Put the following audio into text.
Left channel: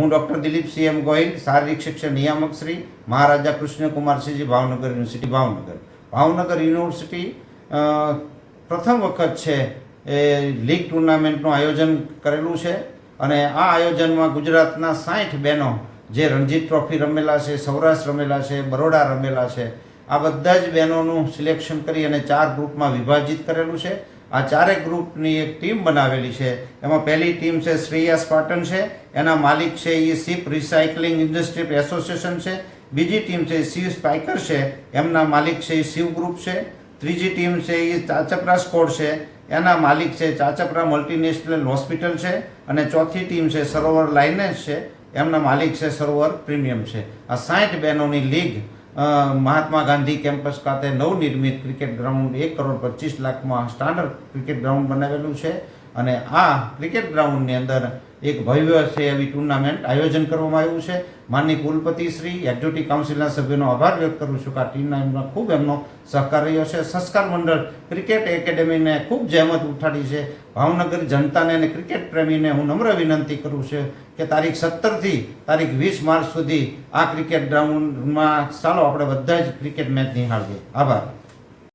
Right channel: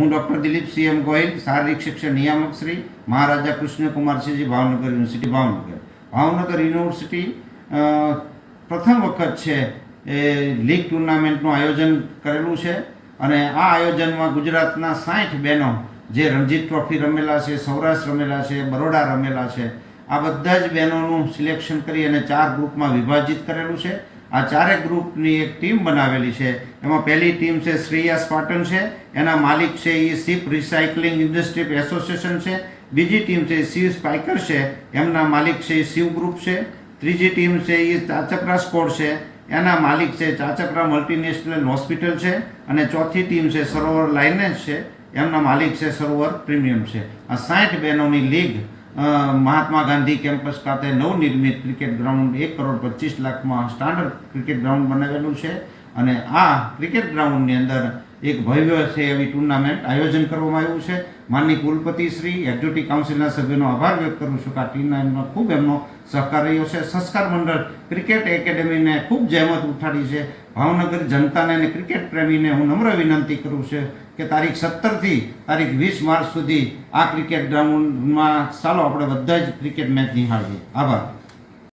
હું doctor Dilip CM Gohil, શારીરિક શિક્ષણ નિયામક શ્રી, મહારાજા કૃષ્ણકુમારસિંહજી, ભાવનગર યુનિવર્સિટી ભાવનગર. ભાવનગર યુનિવર્સિટી પ્રથમ વખત છે એ લીગ ટુર્નામેન્ટનું આયોજન કરેલું છે અને આ આયોજનમાં ગુજરાતના 60 બહેનો જે રણજીત ટ્રોફી રમેલા છે, સૌરાષ્ટ્ર રમેલા છે, બરોડા રમેલા છે, આ બધા જ બહેનોનું સિલેક્શન કરી અને 4 ગ્રુપમાં વિભાજિત કરેલું છે. આ ચારેય ગ્રુપની એક ટીમ બનાવેલી છે. એમાં પહેલી ટીમ છે શ્રેયસ પાટણ છે, એના માલિક છે એ શિપ રિસાયકલિંગ ઇન્ડસ્ટ્રી એસોસિએશન છે. બીજી ટીમ છે શિવ સ્પાઇકર છે, એમના માલિક છે એ શિવ ગ્રુપ છે. ત્રીજી ટીમ છે એ ચાચપરા સ્પોર્ટ છે, એના માલિક છે ચાચપરા મલ્ટીનેશનલ હોસ્પિટલ છે. અને ચોથી ટીમ છે સરોવર લાઇનેજ છે, એમના માલિક છે સરોવર પ્રીમિયમ છે. આ 60 બહેનોની લીગ મહાત્મા ગાંધી કેમ્પસ ખાતે નવનિર્મિત ક્રિકેટ ગ્રાઉન્ડ 1,25,00,000માં સ્ટાન્ડર્ડ ક્રિકેટ ગ્રાઉન્ડ બનાવેલું છે. અને આ ક્રિકેટ ગ્રાઉન્ડની અંદર એક ભવ્ય છે એવી ટુર્નામેન્ટ આયોજન કરવામાં આવ્યું છે. માનની કુલપતિ શ્રી, એક્ઝિક્યુટિવ કાઉન્સિલના સભ્યોનો આભાર વ્યક્ત કરું છું કે આ ટુર્નામેન્ટમાં ખૂબ એમનો સહકાર રહ્યો છે. સંસ્કાર મંડળ ક્રિકેટ એકેડેમીને ખૂબ જહેમત ઉઠાડી છે. ભાવનગર જનતાને અને ક્રિકેટ પ્રેમીને હું નમ્ર વિનંતી કરું છું કે તારીખ 17થી તારીખ 20 માર્ચ સુધી આ ક્રિકેટ ગ્રાઉન્ડમાં ચાલો આપણે બધા જ ક્રિકેટ મેચ નિહાળીએ. આભાર.